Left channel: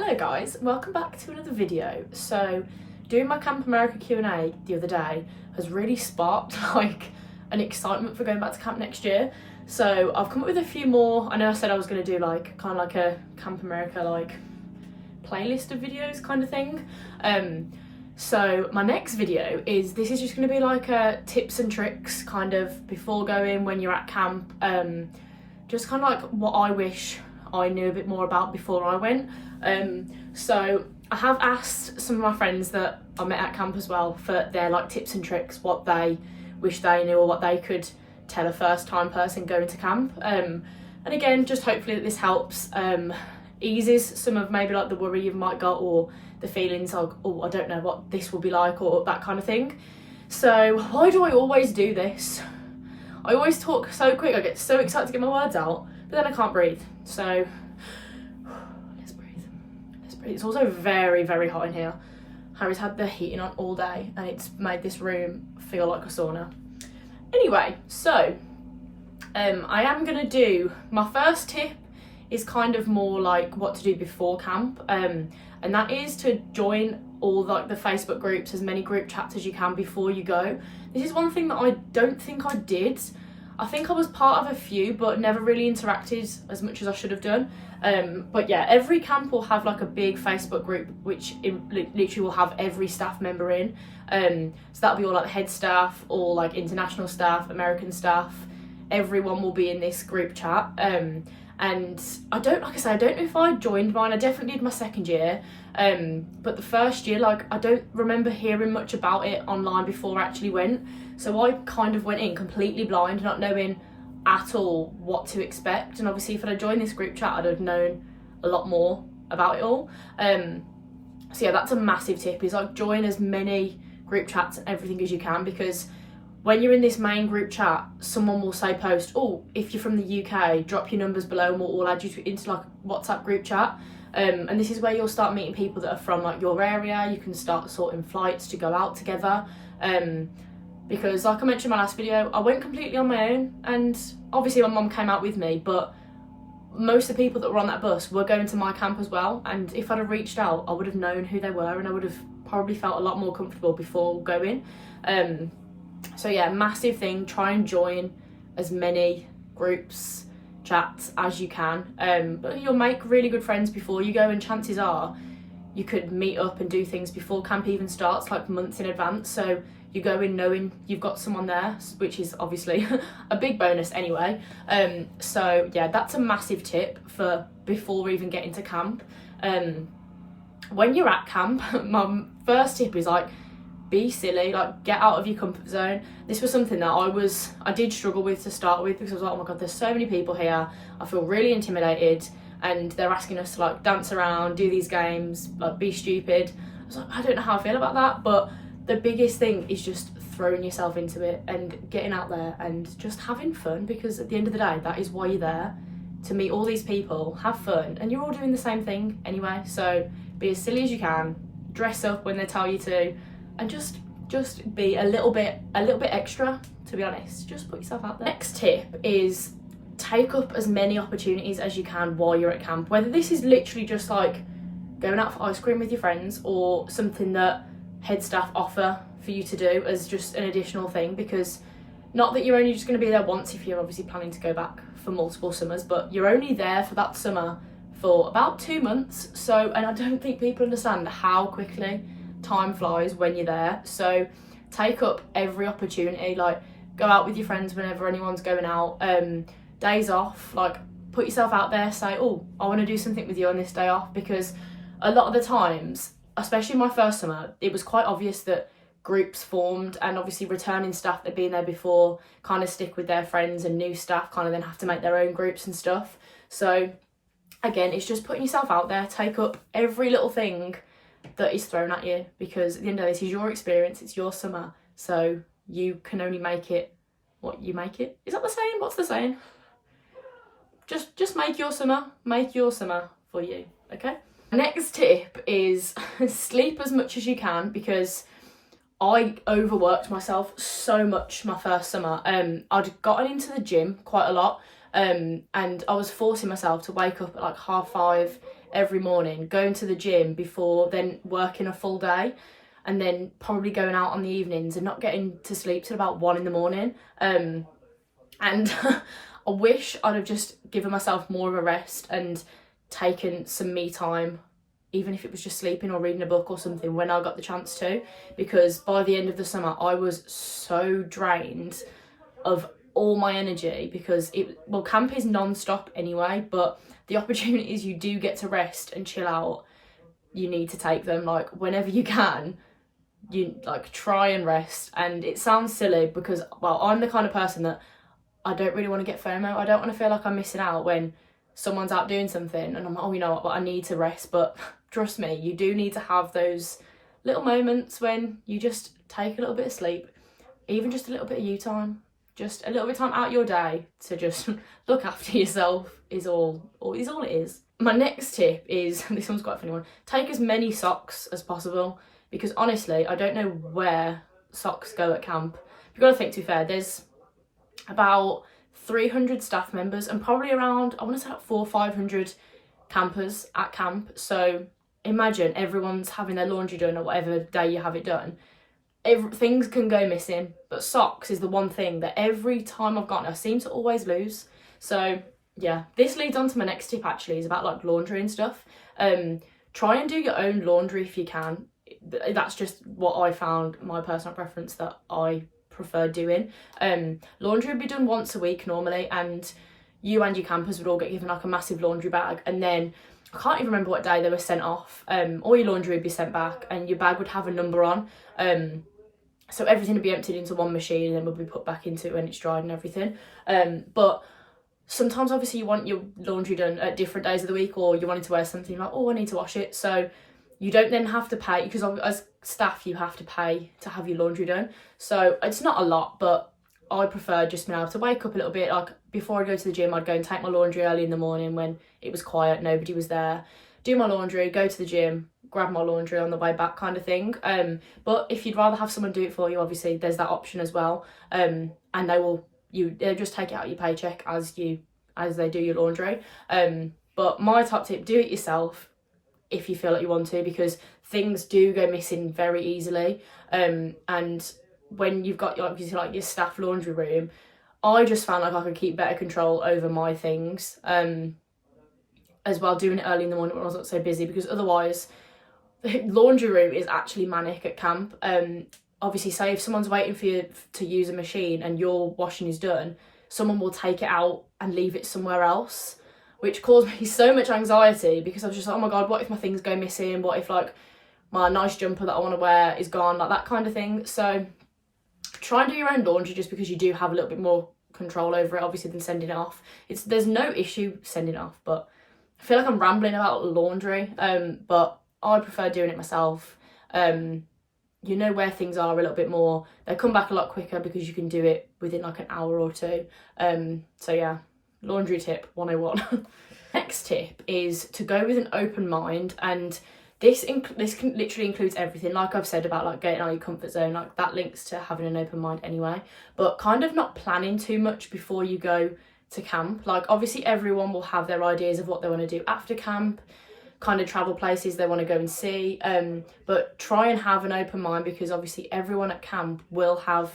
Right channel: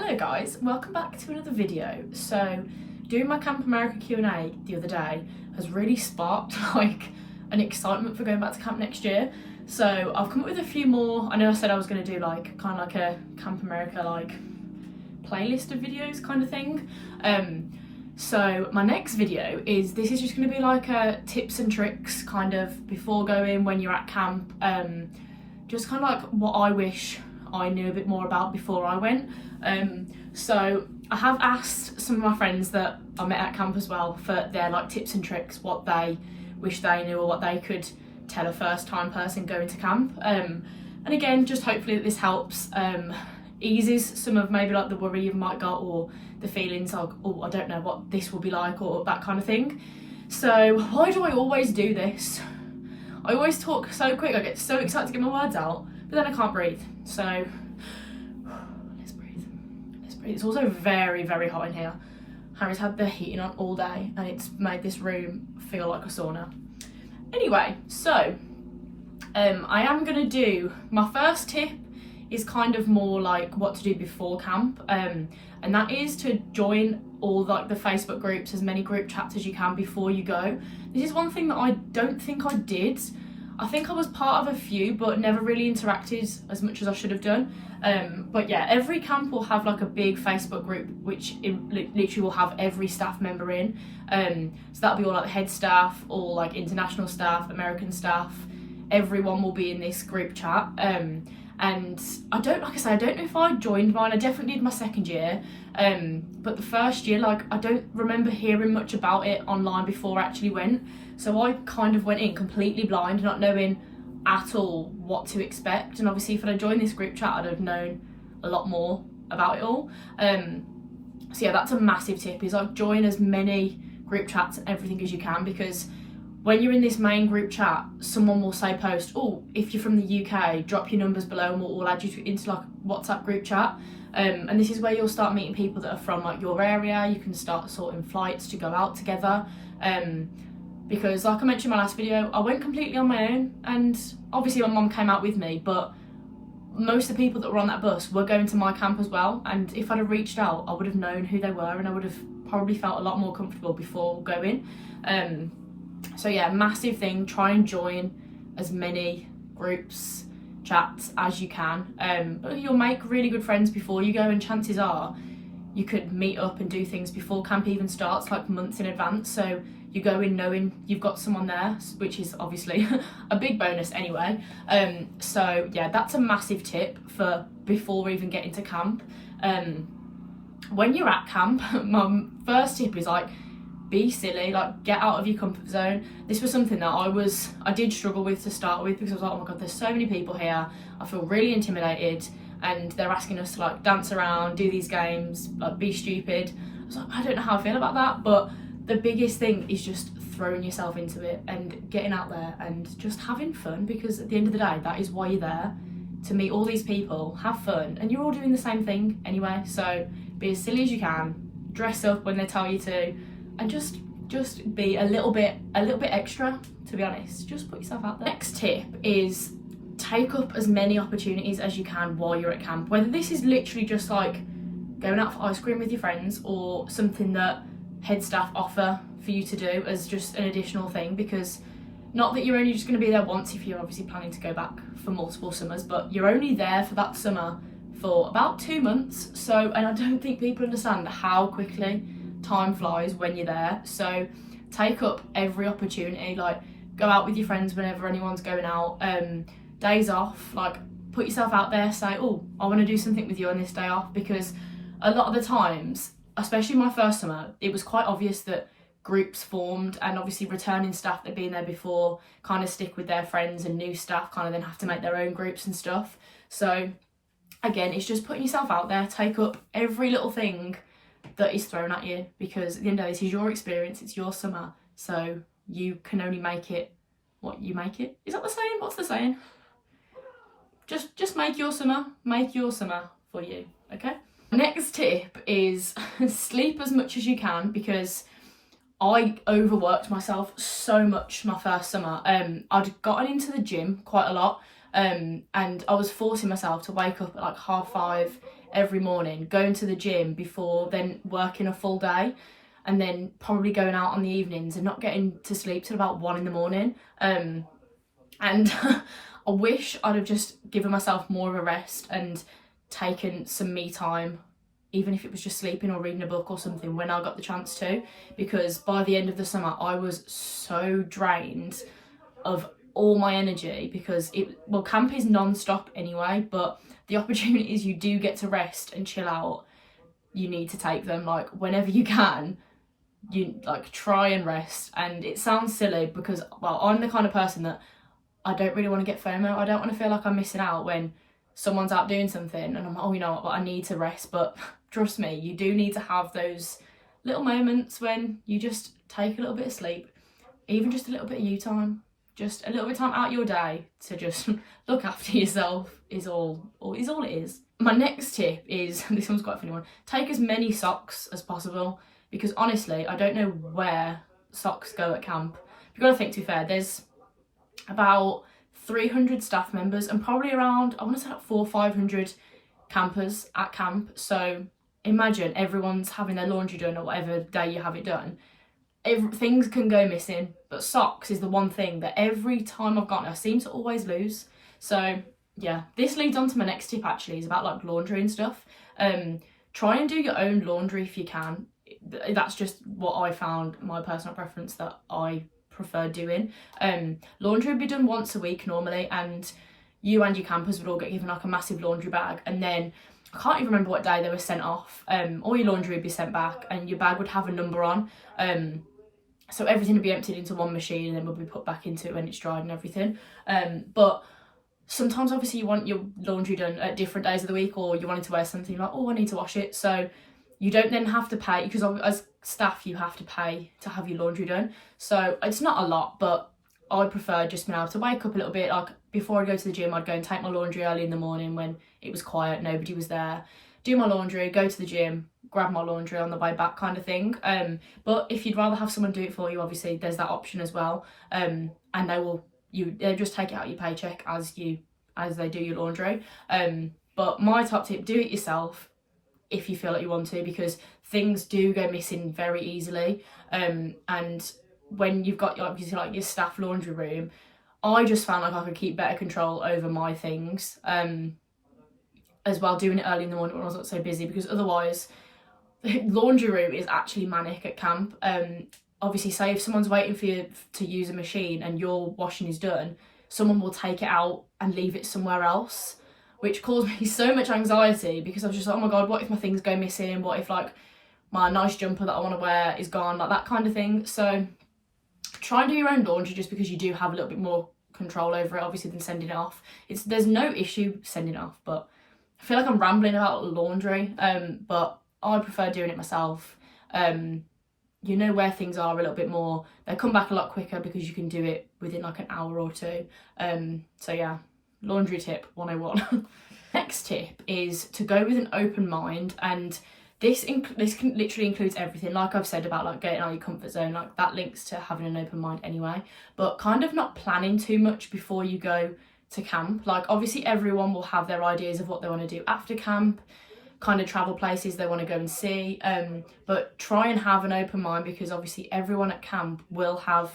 Hello guys, welcome back to another video. So doing my Camp America Q&A the other day has really sparked an excitement for going back to camp next year. So I've come up with a few more. I know I said I was going to do kind of a Camp America playlist of videos kind of thing. So my next video is just going to be a tips and tricks kind of before going, when you're at camp, just kind of what I wish I knew a bit more about before I went. So I have asked some of my friends that I met at camp as well for their tips and tricks, what they wish they knew or what they could tell a first time person going to camp. And again, just hopefully that this helps, eases some of maybe the worry you might got or the feelings of, oh, I don't know what this will be like or that kind of thing. So why do I always do this? I always talk so quick, I get so excited to get my words out, but then I can't breathe. So let's breathe. It's also very, very hot in here. Harry's had the heating on all day and it's made this room feel like a sauna. Anyway, so I am gonna do, my first tip is kind of more what to do before camp, and that is to join all the Facebook groups, as many group chats as you can before you go. This is one thing that I don't think I did. I think I was part of a few, but never really interacted as much as I should have done. But yeah, every camp will have a big Facebook group, which literally will have every staff member in. So that'll be all the head staff, all international staff, American staff. Everyone will be in this group chat. And I don't know if I joined mine. I definitely did my second year. But the first year, I don't remember hearing much about it online before I actually went. So I kind of went in completely blind, not knowing at all what to expect. And obviously if I'd joined this group chat, I'd have known a lot more about it all. So yeah, that's a massive tip, is join as many group chats and everything as you can, because when you're in this main group chat, someone will say post, oh, if you're from the UK, drop your numbers below and we'll add you into a WhatsApp group chat. And this is where you'll start meeting people that are from your area. You can start sorting flights to go out together. Because I mentioned in my last video, I went completely on my own, and obviously my mum came out with me, but most of the people that were on that bus were going to my camp as well, and if I'd have reached out, I would have known who they were and I would have probably felt a lot more comfortable before going. So yeah, massive thing, try and join as many groups, chats as you can. But you'll make really good friends before you go, and chances are you could meet up and do things before camp even starts, months in advance. So you go in knowing you've got someone there, which is obviously a big bonus anyway. So yeah, that's a massive tip for before even getting to camp. When you're at camp, my first tip is be silly, get out of your comfort zone. This was something that I did struggle with to start with, because I was oh my god, there's so many people here, I feel really intimidated, and they're asking us to dance around, do these games, be stupid. I was I don't know how I feel about that, but the biggest thing is just throwing yourself into it and getting out there and just having fun, because at the end of the day, that is why you're there, to meet all these people, have fun, and you're all doing the same thing anyway. So be as silly as you can, dress up when they tell you to, and just be a little bit extra, to be honest. Just put yourself out there. Next tip is take up as many opportunities as you can while you're at camp, whether this is literally just going out for ice cream with your friends, or something that head staff offer for you to do as just an additional thing, because not that you're only just going to be there once if you're obviously planning to go back for multiple summers, but you're only there for that summer for about 2 months. So, and I don't think people understand how quickly time flies when you're there. So take up every opportunity, go out with your friends whenever anyone's going out, days off, put yourself out there, say, oh, I want to do something with you on this day off, because a lot of the times, especially my first summer, it was quite obvious that groups formed, and obviously returning staff that had been there before kind of stick with their friends, and new staff kind of then have to make their own groups and stuff. So again, it's just putting yourself out there, take up every little thing that is thrown at you, because at the end of the day, this is your experience, it's your summer, so you can only make it what you make it. Is that the saying? What's the saying? Just make your summer for you, okay? Next tip is sleep as much as you can, because I overworked myself so much my first summer. I'd gotten into the gym quite a lot, and I was forcing myself to wake up at 5:30 every morning, going to the gym before then working a full day, and then probably going out on the evenings and not getting to sleep till about 1 in the morning. And I wish I'd have just given myself more of a rest and taken some me time, even if it was just sleeping or reading a book or something when I got the chance to, because by the end of the summer I was so drained of all my energy, because camp is non-stop anyway, but the opportunities you do get to rest and chill out, you need to take them. Like, whenever you can, you like try and rest. And it sounds silly because, well, I'm the kind of person that I don't really want to get FOMO. I don't want to feel like I'm missing out when someone's out doing something and I'm like, oh, you know what, but I need to rest. But trust me, you do need to have those little moments when you just take a little bit of sleep, even just a little bit of you time, just a little bit of time out your day to just look after yourself is all it is. My next tip is, this one's quite a funny one, take as many socks as possible, because honestly, I don't know where socks go at camp. You've got to think, to be fair, there's about 300 staff members and probably around, I want to say like 400 or 500 campers at camp. So imagine everyone's having their laundry done or whatever day you have it done. Things can go missing, but socks is the one thing that every time I've gotten, I seem to always lose. So yeah, this leads on to my next tip actually, is about like laundry and stuff. Try and do your own laundry if you can. That's just what I found, my personal preference, that I prefer doing. Laundry would be done once a week normally, and you and your campers would all get given like a massive laundry bag, and then I can't even remember what day they were sent off. All your laundry would be sent back and your bag would have a number on. So everything would be emptied into one machine and then would be put back into it when it's dried and everything. But sometimes obviously you want your laundry done at different days of the week, or you wanted to wear something, you're like, oh, I need to wash it. So you don't then have to pay, because as staff you have to pay to have your laundry done. So it's not a lot, but I prefer just being able to wake up a little bit. Like, before I go to the gym, I'd go and take my laundry early in the morning when it was quiet, nobody was there, do my laundry, go to the gym, grab my laundry on the way back, kind of thing. But if you'd rather have someone do it for you, obviously there's that option as well. And they'll just take it out of your paycheck as they do your laundry. But my top tip, do it yourself if you feel like you want to, because things do go missing very easily. And when you've got your staff laundry room, I just found like I could keep better control over my things as well, doing it early in the morning when I wasn't so busy, because otherwise the laundry room is actually manic at camp. Obviously, say if someone's waiting for you to use a machine and your washing is done, someone will take it out and leave it somewhere else, which caused me so much anxiety, because I was just like, oh my god, what if my things go missing? What if like my nice jumper that I want to wear is gone? Like that kind of thing. So try and do your own laundry, just because you do have a little bit more control over it, obviously, than sending it off. There's no issue sending it off, but I feel like I'm rambling about laundry. But I prefer doing it myself. You know where things are a little bit more. They come back a lot quicker because you can do it within like an hour or two. So yeah, laundry tip 101. Next tip is to go with an open mind, and this literally includes everything. Like I've said about like getting out of your comfort zone, like that links to having an open mind anyway, but kind of not planning too much before you go to camp. Like obviously everyone will have their ideas of what they want to do after camp, kind of travel places they want to go and see, but try and have an open mind, because obviously everyone at camp will have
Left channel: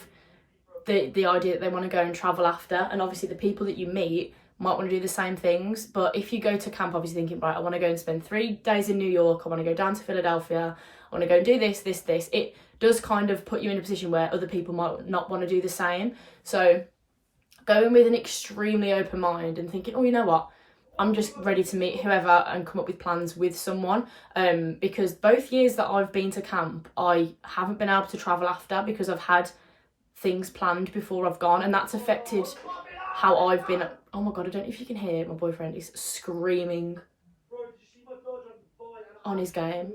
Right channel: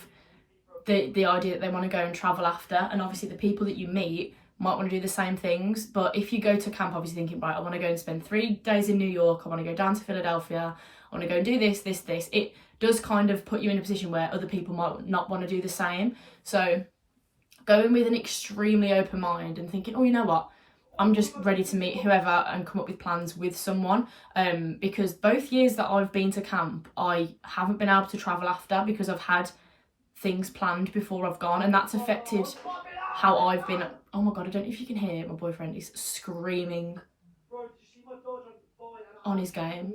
the idea that they want to go and travel after, and obviously the people that you meet might want to do the same things. But if you go to camp obviously thinking, right, I want to go and spend 3 days in New York, I want to go down to Philadelphia, I want to go and do this, it does kind of put you in a position where other people might not want to do the same. So going with an extremely open mind and thinking, oh, you know what, I'm just ready to meet whoever and come up with plans with someone, because both years that I've been to camp I haven't been able to travel after, because I've had things planned before I've gone, and that's affected how I've been. Oh my god, I don't know if you can hear, my boyfriend is screaming on his game.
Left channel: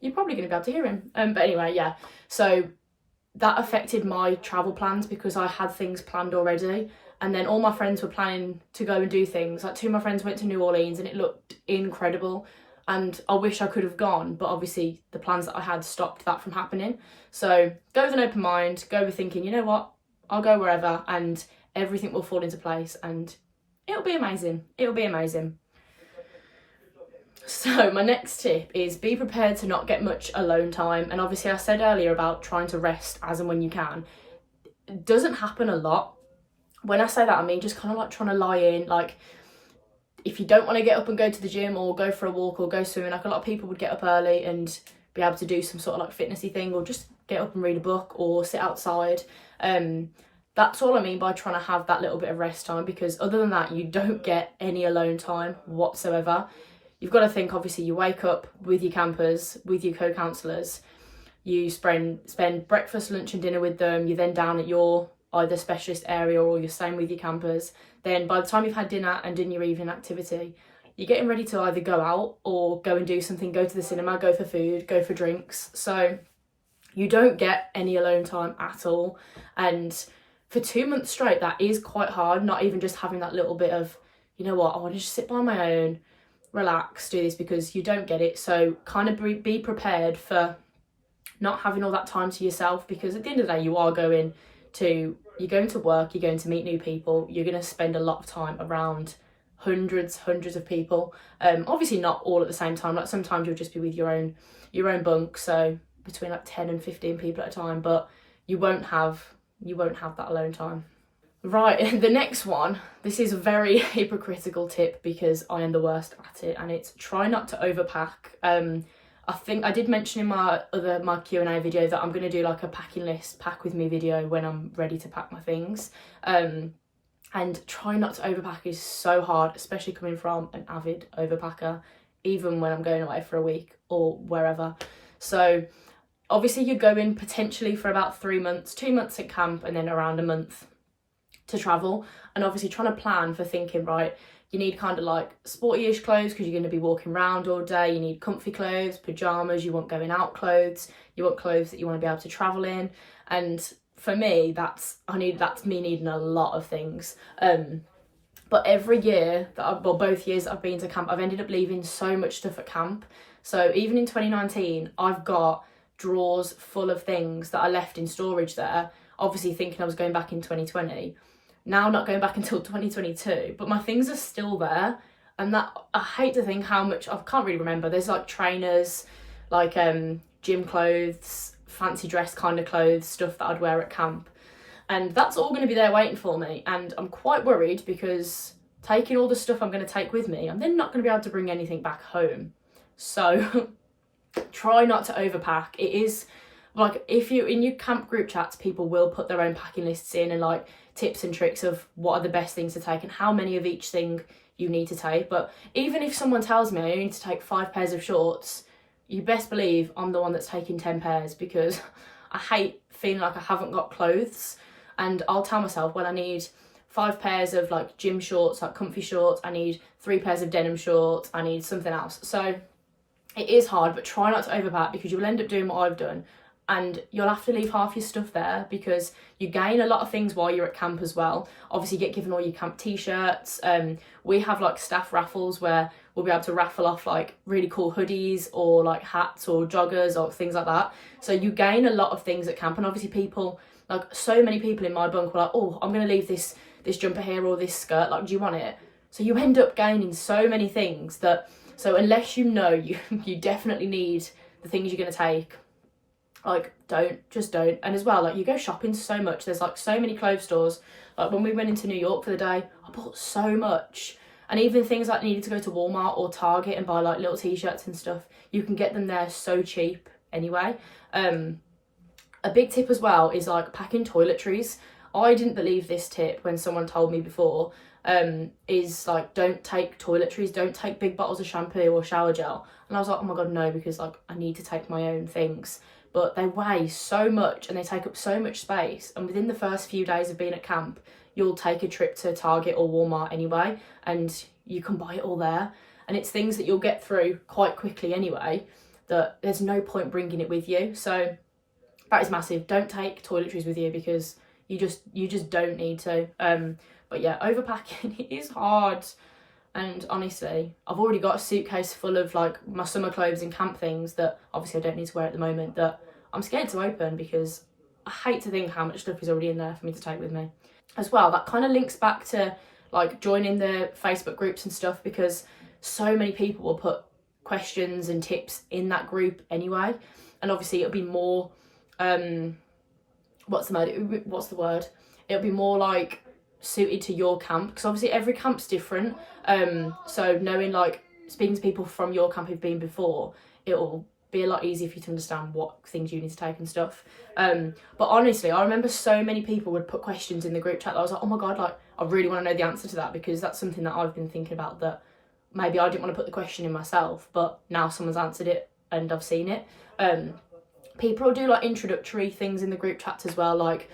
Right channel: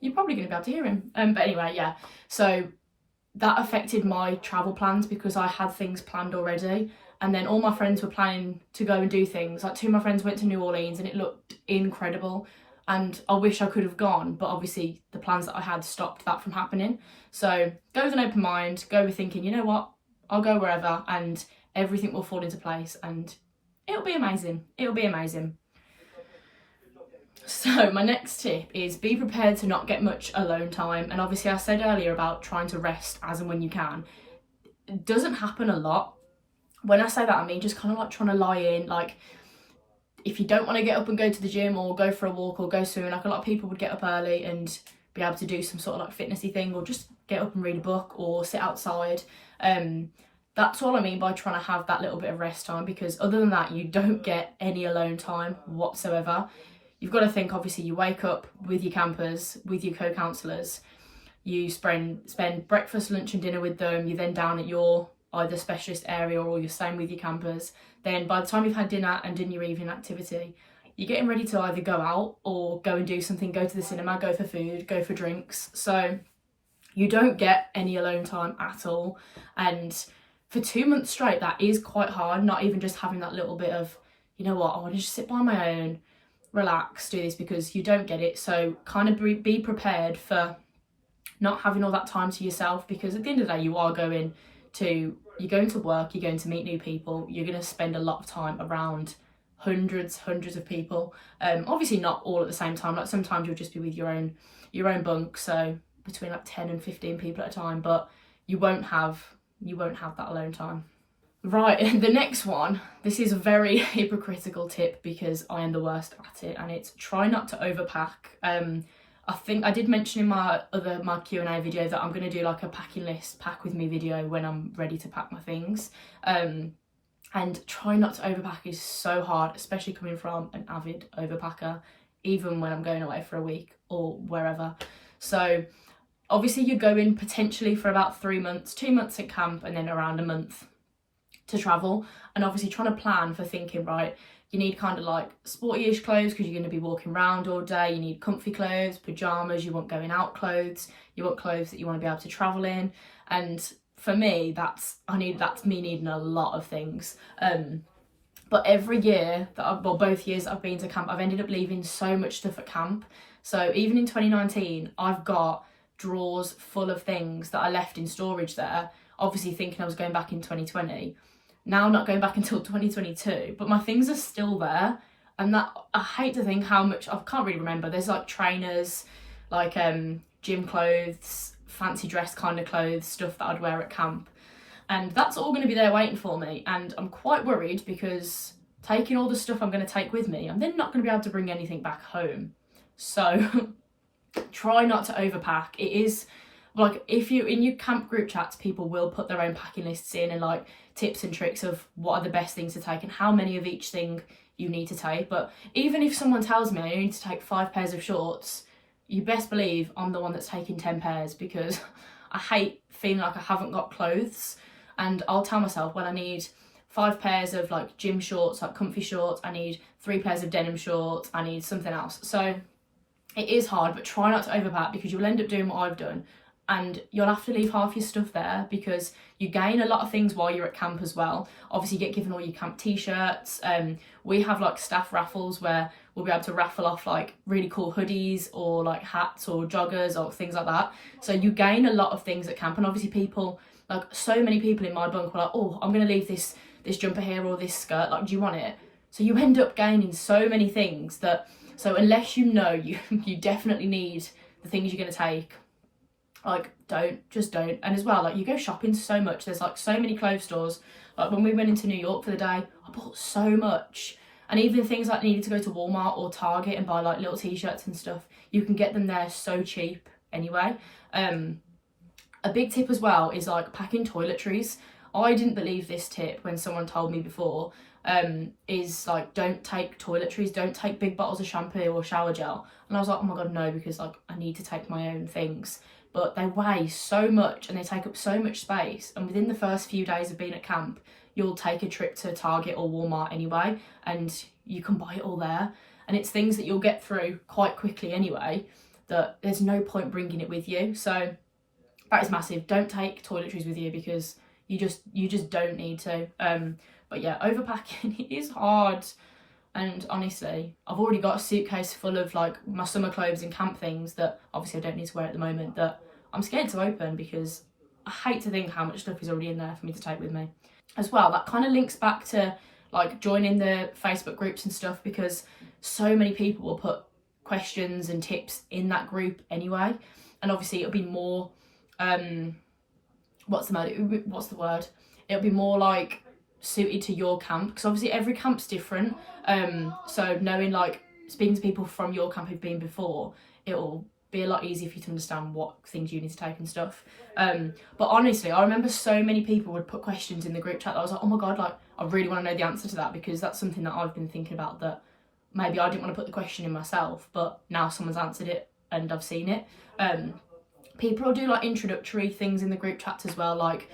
You're probably going to be able to hear him. But anyway, yeah, so that affected my travel plans, because I had things planned already, and then all my friends were planning to go and do things. Like 2 of my friends went to New Orleans and it looked incredible, and I wish I could have gone, but obviously the plans that I had stopped that from happening. So go with an open mind, go with thinking, you know what, I'll go wherever and everything will fall into place and it'll be amazing. It'll be amazing. So my next tip is be prepared to not get much alone time. And obviously I said earlier about trying to rest as and when you can. It doesn't happen a lot. When I say that, I mean just kind of like trying to lie in. Like, if you don't want to get up and go to the gym or go for a walk or go swimming, like a lot of people would get up early and be able to do some sort of like fitnessy thing, or just get up and read a book or sit outside. That's all I mean by trying to have that little bit of rest time, because other than that, you don't get any alone time whatsoever. You've got to think, obviously, you wake up with your campers, with your co-counsellors, you spend breakfast, lunch and dinner with them, you're then down at your either specialist area or you're staying with your campers. Then by the time you've had dinner and done your evening activity, you're getting ready to either go out or go and do something, go to the cinema, go for food, go for drinks. So you don't get any alone time at all. And for 2 months straight, that is quite hard, not even just having that little bit of, you know what, I want to just sit by my own, relax, do this, because you don't get it. So kind of be prepared for not having all that time to yourself, because at the end of the day, you're going to work, you're going to meet new people, you're going to spend a lot of time around hundreds of people. Obviously not all at the same time, like sometimes you'll just be with your own bunk, so between like 10 and 15 people at a time, but you won't have that alone time. Right, the next one, this is a very hypocritical tip because I am the worst at it, and it's try not to overpack. I think I did mention in my Q&A video that I'm going to do like a packing list, pack with me video when I'm ready to pack my things. And try not to overpack is so hard, especially coming from an avid overpacker, even when I'm going away for a week or wherever. So obviously you go in potentially for about 3 months, 2 months at camp, and then around a month to travel. And obviously trying to plan for thinking, right, you need kind of like sporty-ish clothes because you're going to be walking around all day. You need comfy clothes, pyjamas, you want going out clothes, you want clothes that you want to be able to travel in. And for me, that's me needing a lot of things. But every year both years that I've been to camp, I've ended up leaving so much stuff at camp. So even in 2019, I've got drawers full of things that I left in storage there, obviously thinking I was going back in 2020. Now I'm not going back until 2022, but my things are still there. And that, I hate to think how much, I can't really remember. There's like trainers, like gym clothes, fancy dress kind of clothes, stuff that I'd wear at camp. And that's all going to be there waiting for me. And I'm quite worried because taking all the stuff I'm going to take with me, I'm then not going to be able to bring anything back home. So try not to overpack. It is like, if you in your camp group chats, people will put their own packing lists in and like tips and tricks of what are the best things to take and how many of each thing you need to take. But even if someone tells me I only need to take 5 pairs of shorts, you best believe I'm the one that's taking 10 pairs, because I hate feeling like I haven't got clothes. And I'll tell myself, well, I need 5 pairs of like gym shorts, like comfy shorts, I need 3 pairs of denim shorts, I need something else. So it is hard, but try not to overpack, because you will end up doing what I've done. And you'll have to leave half your stuff there, because you gain a lot of things while you're at camp as well. Obviously you get given all your camp t-shirts. We have like staff raffles where we'll be able to raffle off like really cool hoodies or like hats or joggers or things like that. So you gain a lot of things at camp. And obviously people, like so many people in my bunk were like, oh, I'm going to leave this jumper here or this skirt, like, do you want it? So you end up gaining so many things that, so unless you know you definitely need the things you're going to take, like, don't. And as well, like, you go shopping so much, there's like so many clothes stores. Like when we went into New York for the day, I bought so much. And even things like needed to go to Walmart or Target and buy like little t-shirts and stuff, you can get them there so cheap anyway. A big tip as well is like packing toiletries. I didn't believe this tip when someone told me before, is like, don't take toiletries, don't take big bottles of shampoo or shower gel. And I was like, oh my God, no, because like I need to take my own things. But they weigh so much and they take up so much space. And within the first few days of being at camp, you'll take a trip to Target or Walmart anyway, and you can buy it all there. And it's things that you'll get through quite quickly anyway, that there's no point bringing it with you. So that is massive. Don't take toiletries with you, because you just don't need to. But yeah, overpacking is hard. And honestly, I've already got a suitcase full of like my summer clothes and camp things that obviously I don't need to wear at the moment, that I'm scared to open, because I hate to think how much stuff is already in there for me to take with me. As well, that kind of links back to like joining the Facebook groups and stuff, because so many people will put questions and tips in that group anyway, and obviously it'll be more what's the word, it'll be more like suited to your camp, because obviously every camp's different, so knowing, like, speaking to people from your camp who've been before, it'll be a lot easier for you to understand what things you need to take and stuff. But honestly, I remember so many people would put questions in the group chat that I was like, oh my god, like, I really want to know the answer to that, because that's something that I've been thinking about, that maybe I didn't want to put the question in myself, but now someone's answered it and I've seen it. People will do like introductory things in the group chats as well, like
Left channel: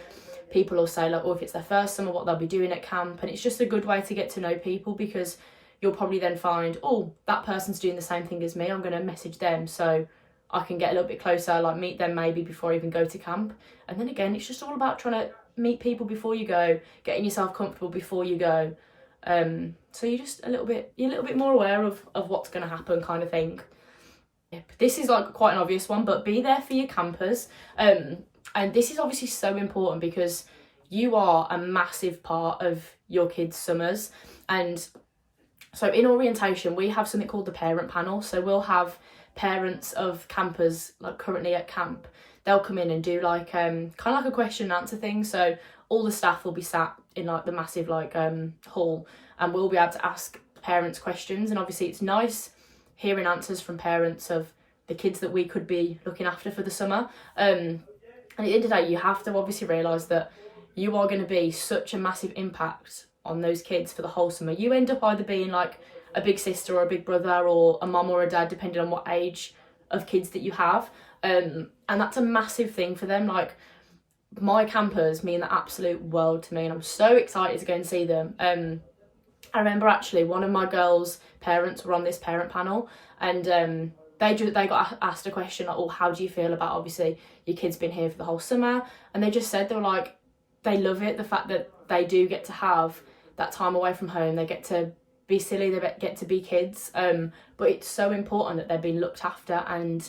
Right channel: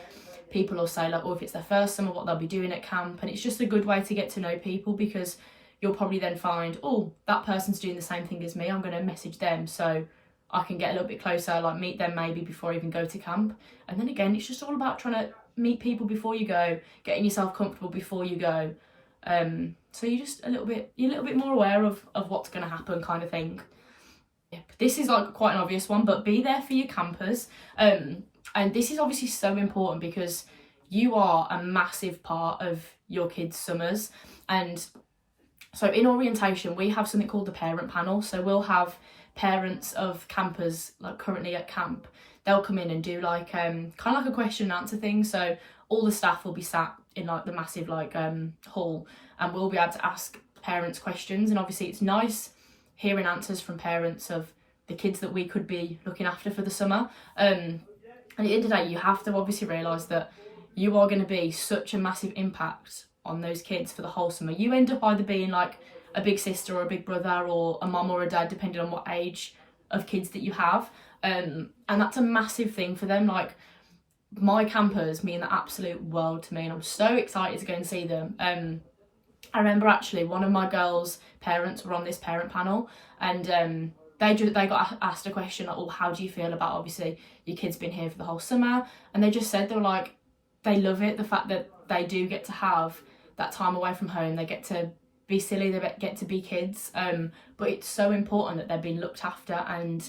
people will say like, oh, if it's their first summer, what they'll be doing at camp, and it's just a good way to get to know people, because you'll probably then find, oh, that person's doing the same thing as me, I'm going to message them so I can get a little bit closer, like meet them maybe before I even go to camp. And then again, it's just all about trying to meet people before you go, getting yourself comfortable before you go, so you're just a little bit more aware of what's going to happen, kind of thing. This is like quite an obvious one, but be there for your campers, and this is obviously so important because you are a massive part of your kids' summers. And so in orientation we have something called the parent panel, so we'll have parents of campers like currently at camp. They'll come in and do like kind of like a question and answer thing, so all the staff will be sat in like the massive like hall, and we'll be able to ask parents questions. And obviously it's nice hearing answers from parents of the kids that we could be looking after for the summer. And at the end of the day, you have to obviously realise that you are going to be such a massive impact on those kids for the whole summer. You end up either being like a big sister or a big brother or a mum or a dad, depending on what age of kids that you have, and that's a massive thing for them. Like, my campers mean the absolute world to me, and I'm so excited to go and see them. I remember actually one of my girls' parents were on this parent panel, and they got asked a question like, oh, how do you feel about obviously your kids been here for the whole summer? And they just said they were like, they love it, the fact that they do get to have that time away from home, they get to be silly, they get to be kids, but it's so important that they're being looked after and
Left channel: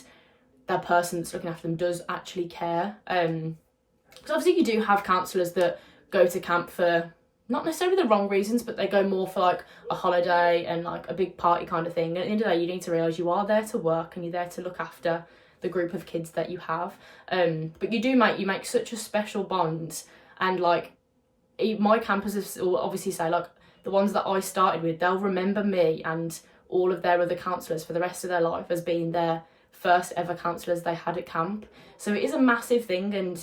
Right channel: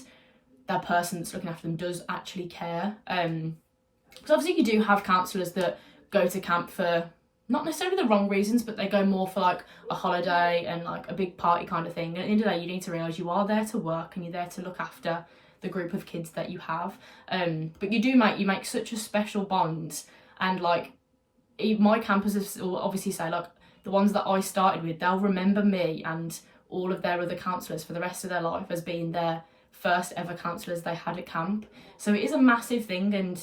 that person that's looking after them does actually care. Because obviously you do have counsellors that go to camp for not necessarily the wrong reasons, but they go more for like a holiday and like a big party kind of thing. And at the end of the day, you need to realise you are there to work and you're there to look after the group of kids that you have. But you make such a special bond. And like my campers will obviously say, like, the ones that I started with, they'll remember me and all of their other counsellors for the rest of their life as being their first ever counsellors they had at camp. So it is a massive thing, and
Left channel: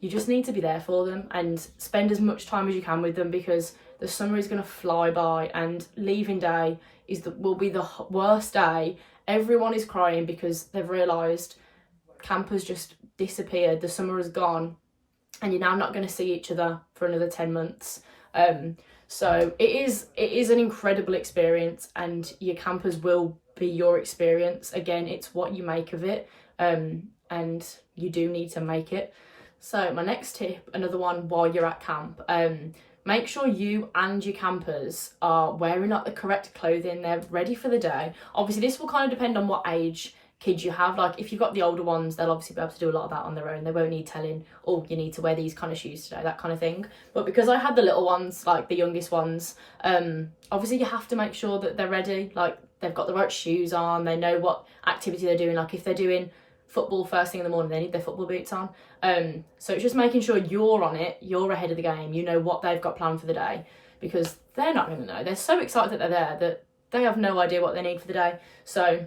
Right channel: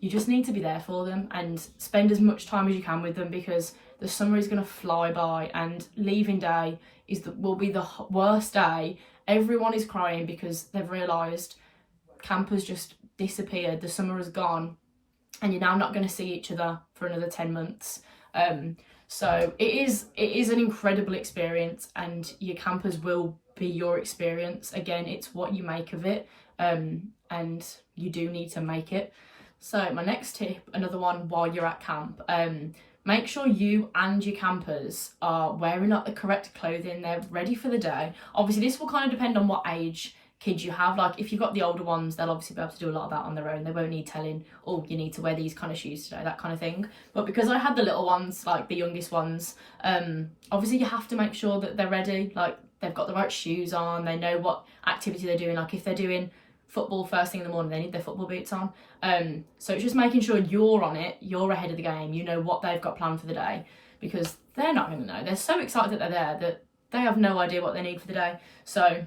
you just need to be there for them and spend as much time as you can with them, because the summer is going to fly by, and leaving day will be the worst day. Everyone is crying because they've realised camp has just disappeared, the summer is gone, and you're now not going to see each other for another 10 months. So it is an incredible experience, and your campers will be your experience. Again, it's what you make of it, and you do need to make it. So my next tip, another one while you're at camp, make sure you and your campers are wearing up the correct clothing, they're ready for the day. Obviously this will kind of depend on what age kids you have. Like, if you've got the older ones, they'll obviously be able to do a lot of that on their own. They won't need telling, oh, you need to wear these kind of shoes today, that kind of thing. But because I had the little ones, like the youngest ones, obviously you have to make sure that they're ready, like they've got the right shoes on, they know what activity they're doing. Like if they're doing football first thing in the morning, they need their football boots on. So it's just making sure you're on it, you're ahead of the game, you know what they've got planned for the day, because they're not going to know. They're so excited that they're there that they have no idea what they need for the day. So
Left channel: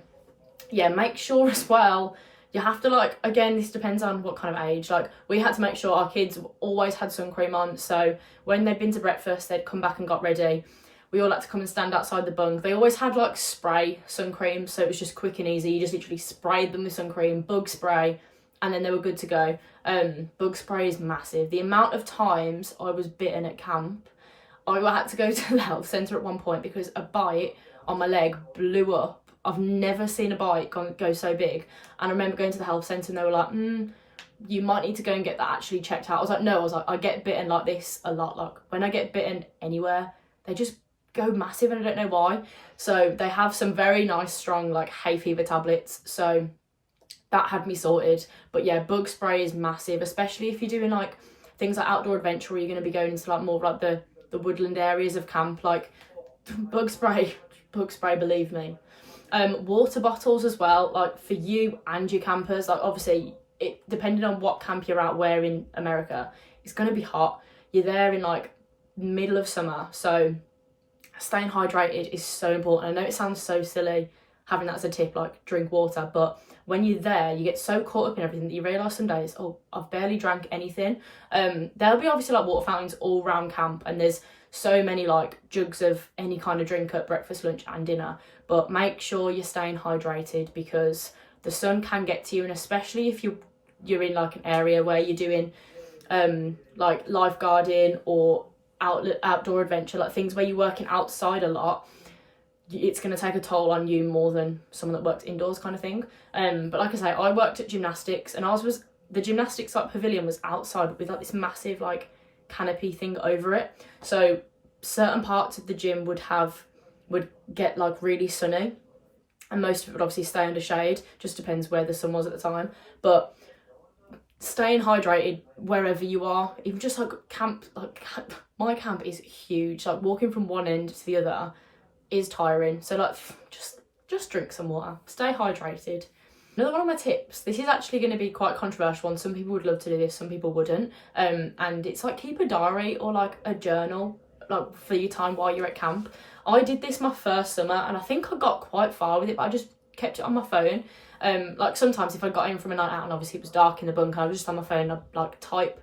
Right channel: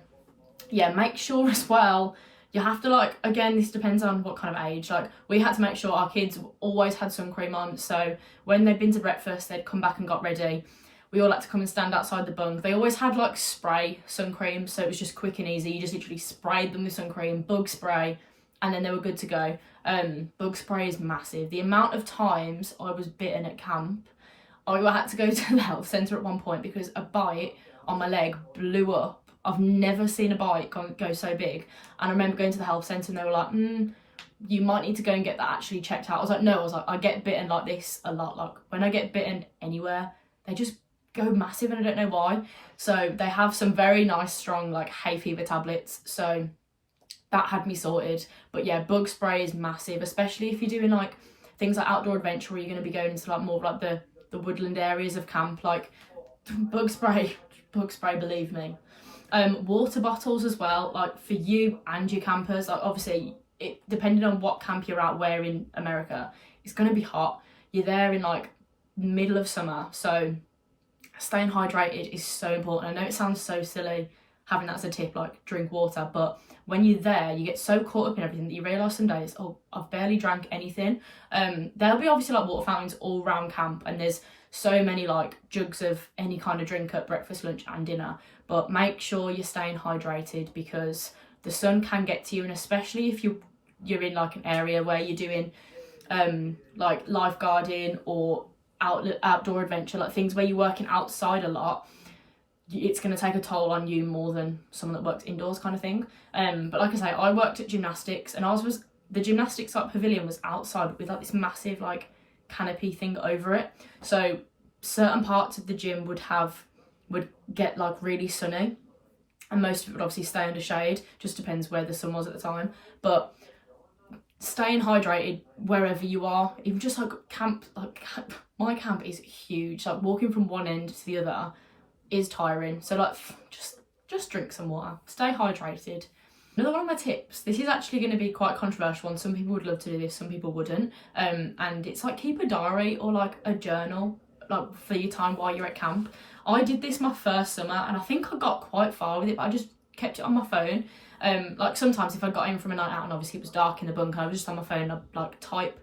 yeah, make sure as well, you have to, like, again, this depends on what kind of age. Like, we had to make sure our kids always had sun cream on, so when they'd been to breakfast, they'd come back and got ready. We all had to come and stand outside the bunk. They always had like spray sun cream, so it was just quick and easy. You just literally sprayed them with sun cream, bug spray, and then they were good to go. Bug spray is massive. The amount of times I was bitten at camp, I had to go to the health centre at one point because a bite on my leg blew up. I've never seen a bite go so big. And I remember going to the health centre and they were like, you might need to go and get that actually checked out. I was like, no, I get bitten like this a lot. Like, when I get bitten anywhere, they just go massive, and I don't know why. So they have some very nice strong like hay fever tablets, so that had me sorted. But yeah, bug spray is massive, especially if you're doing like things like outdoor adventure, where you're going to be going into like more of like the woodland areas of camp. Like bug spray, believe me. Water bottles as well, like for you and your campers. Like obviously, depending on what camp you're at, where in America, it's going to be hot. You're there in like middle of summer, so staying hydrated is so important. I know it sounds so silly having that as a tip, like drink water, but when you're there, you get so caught up in everything that you realise some days, oh, I've barely drank anything. There'll be obviously like water fountains all around camp, and there's so many like jugs of any kind of drink at breakfast, lunch and dinner, but make sure you're staying hydrated because the sun can get to you, and especially if you're in like an area where you're doing like lifeguarding or outdoor adventure, like things where you're working outside a lot, it's going to take a toll on you more than someone that works indoors kind of thing. But like I say, I worked at gymnastics, and the gymnastics like pavilion was outside with like this massive like canopy thing over it, so certain parts of the gym would get like really sunny, and most of it would obviously stay under shade, just depends where the sun was at the time. But staying hydrated wherever you are, even just like camp, like my camp is huge, like walking from one end to the other is tiring, so like just drink some water, stay hydrated. Another one of my tips, this is actually going to be quite a controversial one, some people would love to do this, some people wouldn't, and it's like keep a diary or like a journal like for your time while you're at camp. I did this my first summer and I think I got quite far with it, but I just kept it on my phone. Like sometimes if I got in from a night out and obviously it was dark in the bunker, I was just on my phone, I'd like type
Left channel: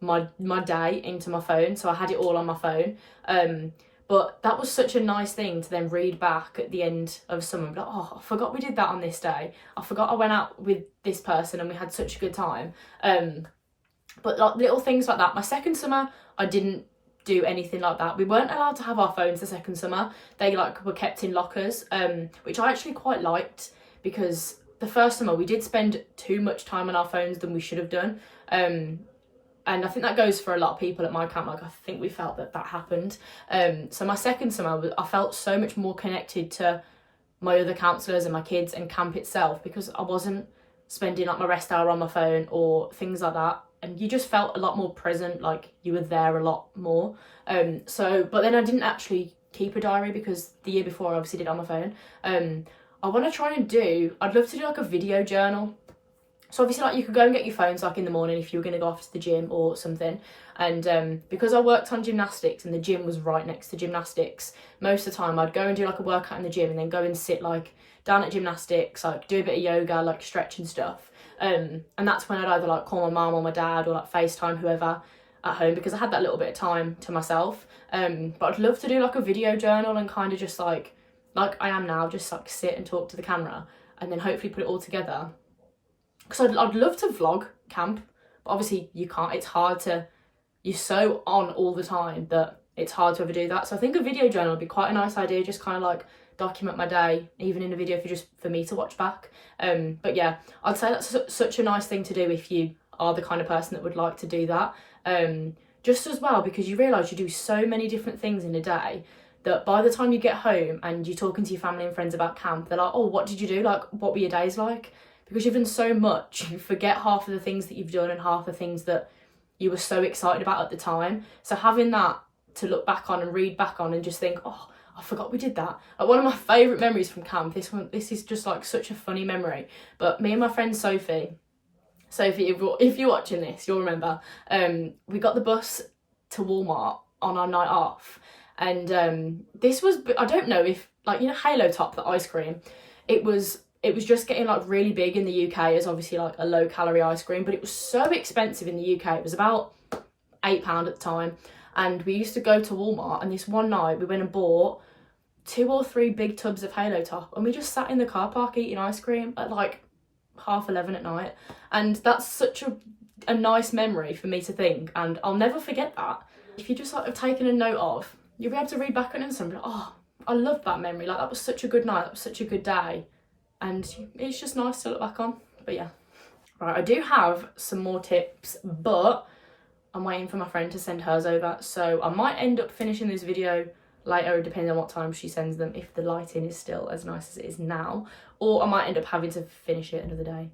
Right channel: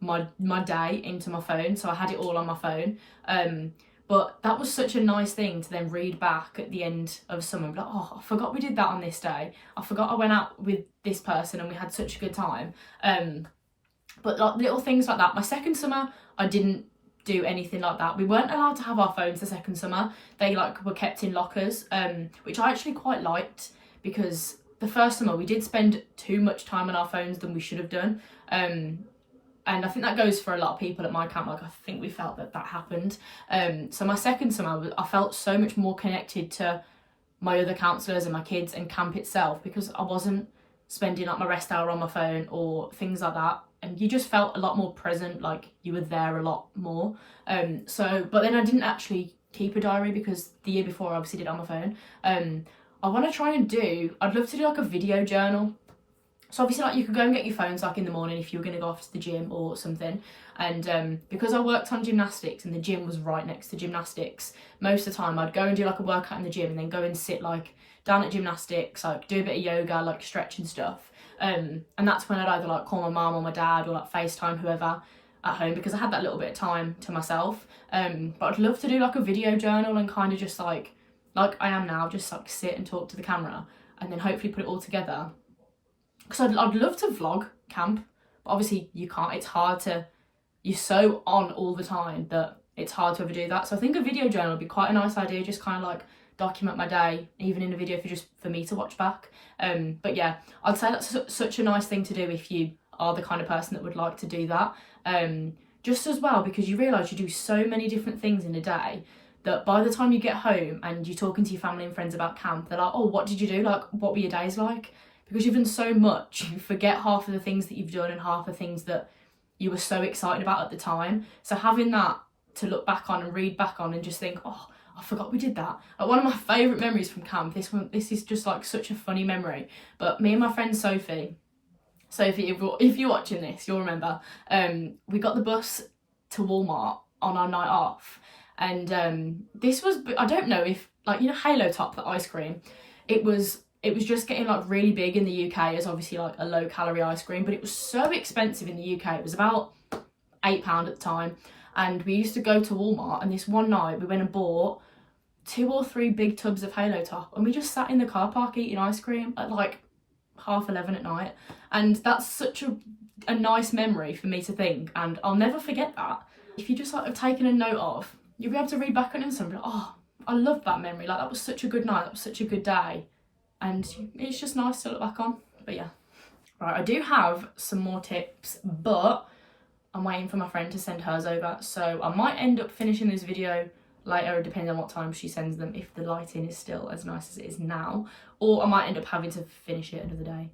my day into my phone, so I had it all on my phone. But that was such a nice thing to then read back at the end of summer, like, oh, I forgot we did that on this day, I forgot I went out with this person and we had such a good time. But like little things like that. My second summer I didn't do anything like that. We weren't allowed to have our phones the second summer, they like were kept in lockers, which I actually quite liked, because the first summer we did spend too much time on our phones than we should have done. And I think that goes for a lot of people at my camp, like I think we felt that happened. So my second summer, I felt so much more connected to my other counsellors and my kids and camp itself, because I wasn't spending like my rest hour on my phone or things like that. And you just felt a lot more present, like you were there a lot more. But then I didn't actually keep a diary because the year before I obviously did it on my phone. I want to try and I'd love to do like a video journal. So obviously like you could go and get your phones like in the morning if you were going to go off to the gym or something. And because I worked on gymnastics and the gym was right next to gymnastics, most of the time I'd go and do like a workout in the gym and then go and sit like down at gymnastics, like do a bit of yoga, like stretch and stuff. And that's when I'd either like call my mum or my dad or like FaceTime whoever at home, because I had that little bit of time to myself. But I'd love to do like a video journal and kind of just like I am now, just like sit and talk to the camera and then hopefully put it all together. Because I'd love to vlog camp, but obviously you can't, it's hard to, you're so on all the time that it's hard to ever do that. So I think a video journal would be quite a nice idea, just kind of like document my day, even in a video for me to watch back. But yeah, I'd say that's such a nice thing to do if you are the kind of person that would like to do that. Just as well, because you realise you do so many different things in a day that by the time you get home and you're talking to your family and friends about camp, they're like, oh, what did you do? Like, what were your days like? Because you've done so much, you forget half of the things that you've done and half the things that you were so excited about at the time. So having that to look back on and read back on and just think, oh, I forgot we did that. Like one of my favourite memories from camp, this is just like such a funny memory. But me and my friend Sophie, if you're watching this, you'll remember, we got the bus to Walmart on our night off. And this was, I don't know if, like, you know, Halo Top, the ice cream, it was just getting like really big in the UK as obviously like a low calorie ice cream, but it was so expensive in the UK. It was about £8 at the time. And we used to go to Walmart, and this one night we went and bought 2 or 3 big tubs of Halo Top, and we just sat in the car park eating ice cream at like 11:30 at night. And that's such a nice memory for me to think, and I'll never forget that. If you just like have taken a note of, you'll be able to read back on it and something, oh, I love that memory, like that was such a good night, that was such a good day. And it's just nice to look back on. But yeah. Right, I do have some more tips, but I'm waiting for my friend to send hers over. So I might end up finishing this video later, depending on what time she sends them, if the lighting is still as nice as it is now. Or I might end up having to finish it another day.